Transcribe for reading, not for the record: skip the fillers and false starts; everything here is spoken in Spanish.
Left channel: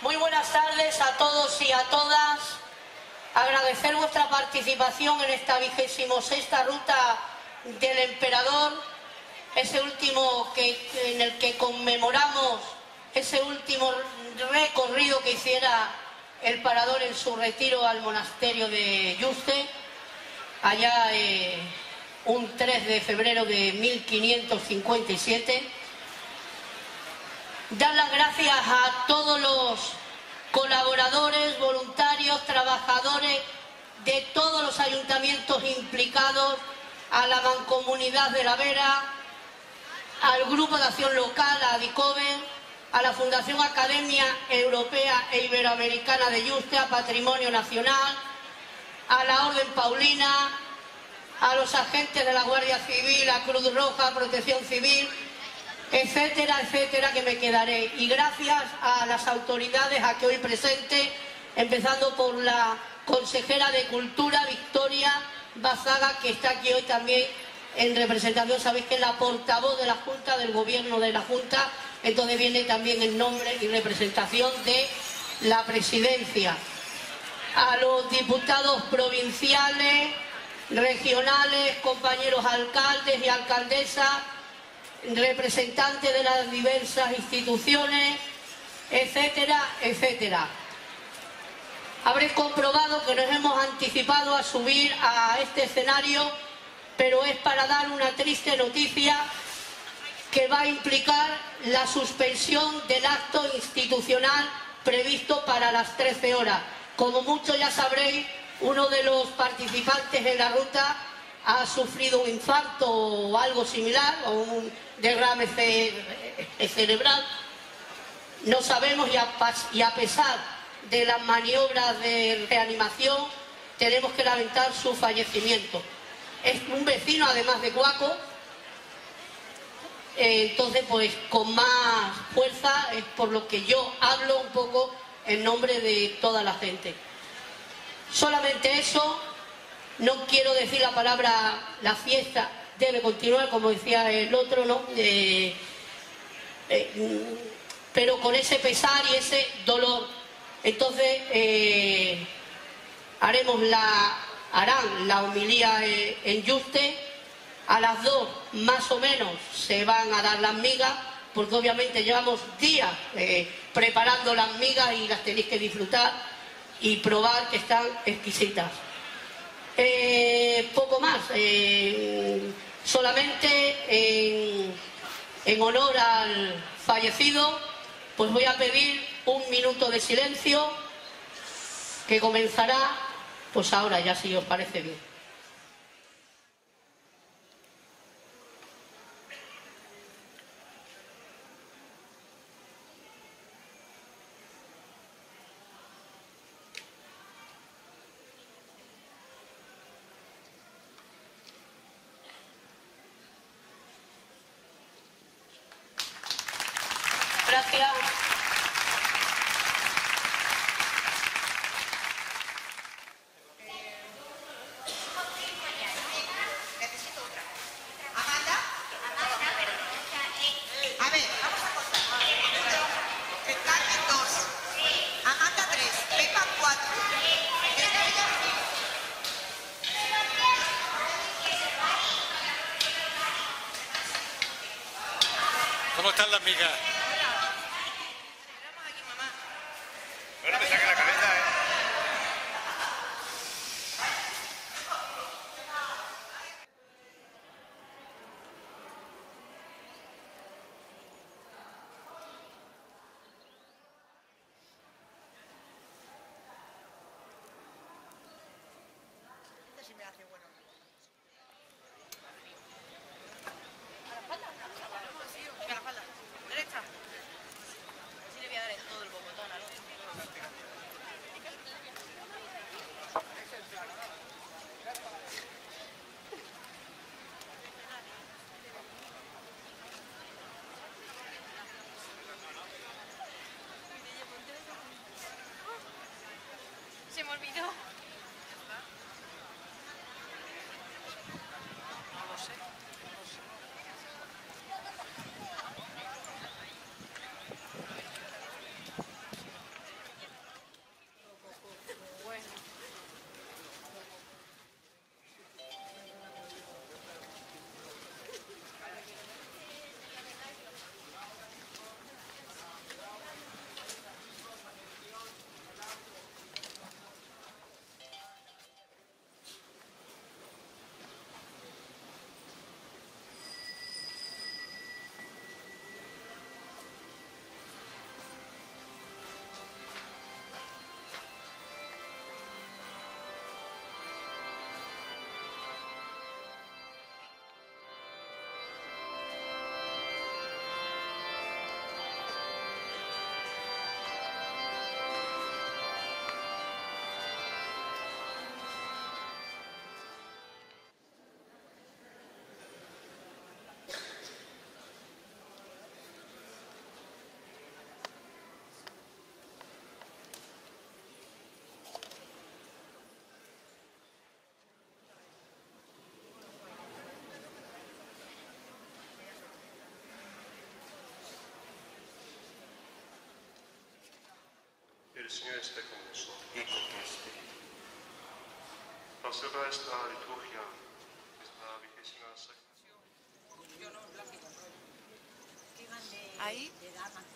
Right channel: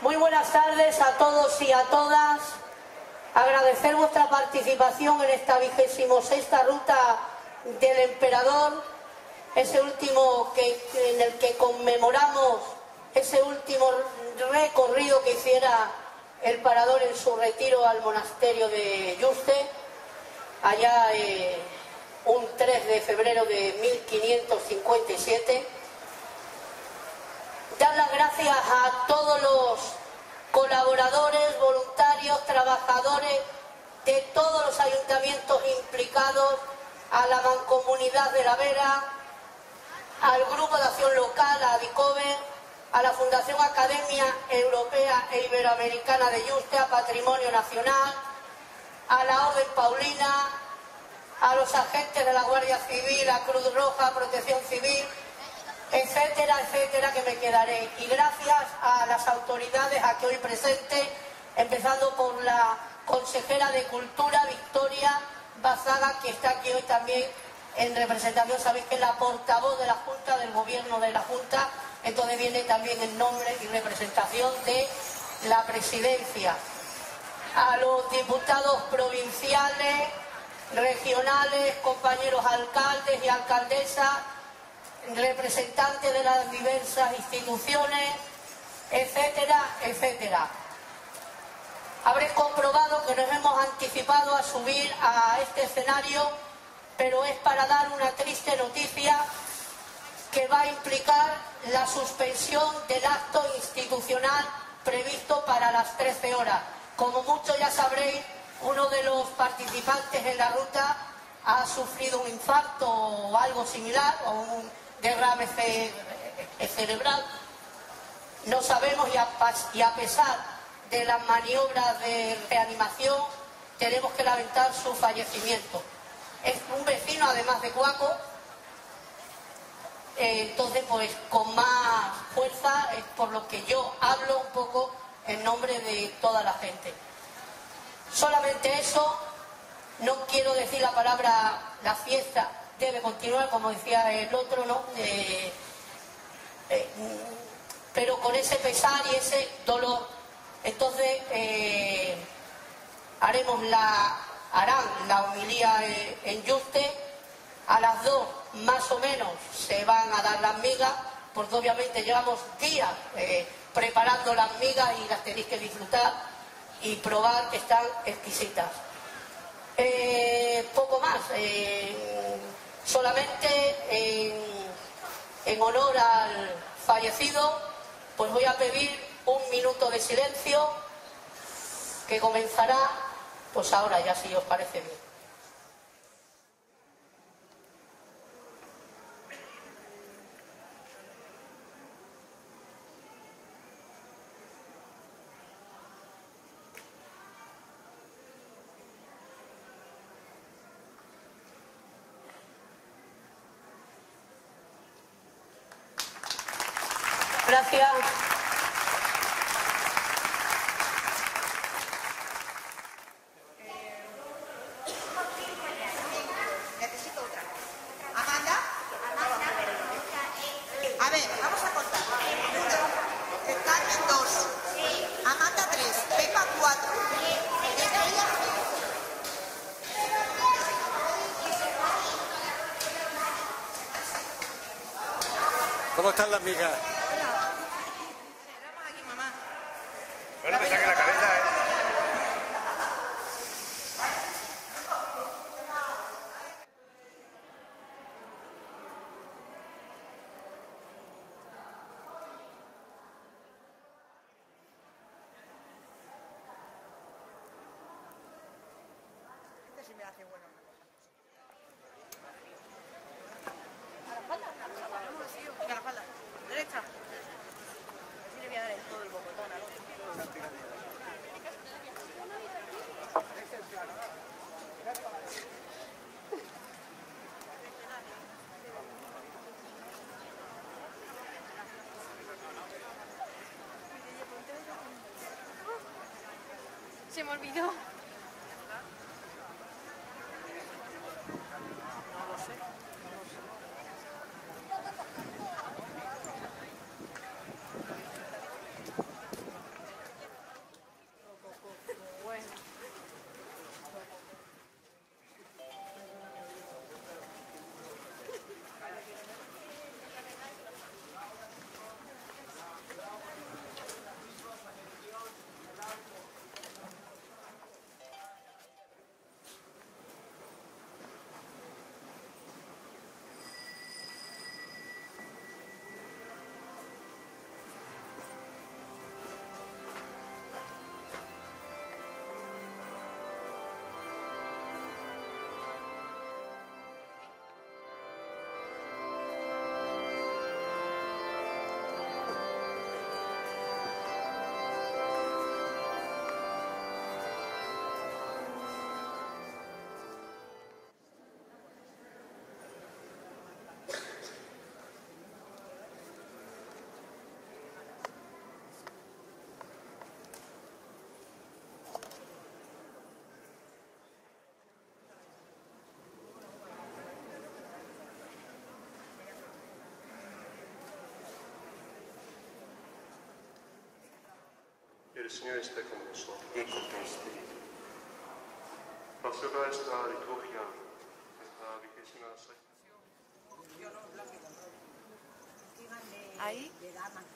Muy buenas tardes a todos y a todas. Agradecer vuestra participación en esta 26ª ruta del Emperador, ese último en el que conmemoramos ese último recorrido que hiciera el Parador en su retiro al monasterio de Yuste, allá un 3 de febrero de 1557. Dar las gracias a todos los colaboradores, voluntarios, trabajadores de todos los ayuntamientos implicados, a la Mancomunidad de la Vera, al Grupo de Acción Local, a Adicover, a la Fundación Academia Europea e Iberoamericana de Yuste, a Patrimonio Nacional, a la Orden Paulina, a los agentes de la Guardia Civil, a Cruz Roja, Protección Civil, etcétera, etcétera, que me quedaré. Y gracias a las autoridades aquí hoy presentes, empezando por la consejera de Cultura, Victoria Bazaga, que está aquí hoy también en representación. Sabéis que es la portavoz de la Junta, del Gobierno de la Junta, entonces viene también en nombre y representación de la Presidencia. A los diputados provinciales, regionales, compañeros alcaldes y alcaldesas, representantes de las diversas instituciones, etcétera, etcétera. Habréis comprobado que nos hemos anticipado a subir a este escenario, pero es para dar una triste noticia que va a implicar la suspensión del acto institucional previsto para las 13 horas. Como muchos ya sabréis, uno de los participantes en la ruta ha sufrido un infarto o algo similar, o un derrame cerebral. No sabemos, y a pesar de las maniobras de reanimación, tenemos que lamentar su fallecimiento. Es un vecino, además de Guaco, entonces pues con más fuerza es por lo que yo hablo un poco en nombre de toda la gente. Solamente eso. No quiero decir la palabra, la fiesta debe continuar, como decía el otro, ¿no? Pero con ese pesar y ese dolor. Entonces harán la homilía en Yuste. A las 2 más o menos se van a dar las migas, porque obviamente llevamos días preparando las migas y las tenéis que disfrutar y probar, que están exquisitas. Poco más, solamente en honor al fallecido, pues voy a pedir un minuto de silencio que comenzará pues ahora, ya, si os parece bien. Gracias. Necesito otra. Amanda. A ver, vamos a contar. 1, Carmen 2, Amanda 3, Pepa 4, Estrella 5. ¿Cómo están las migas? Bueno, me saque la cabeza, Este sí me hace bueno. A la espalda. A la espalda. Derecha. Así le voy a dar en todo el bocotón, ¿no? Se me olvidó. No lo sé. el Señor esté con vosotros. y con tu espíritu. Proceda esta liturgia, esta 26ª. Ahí le da más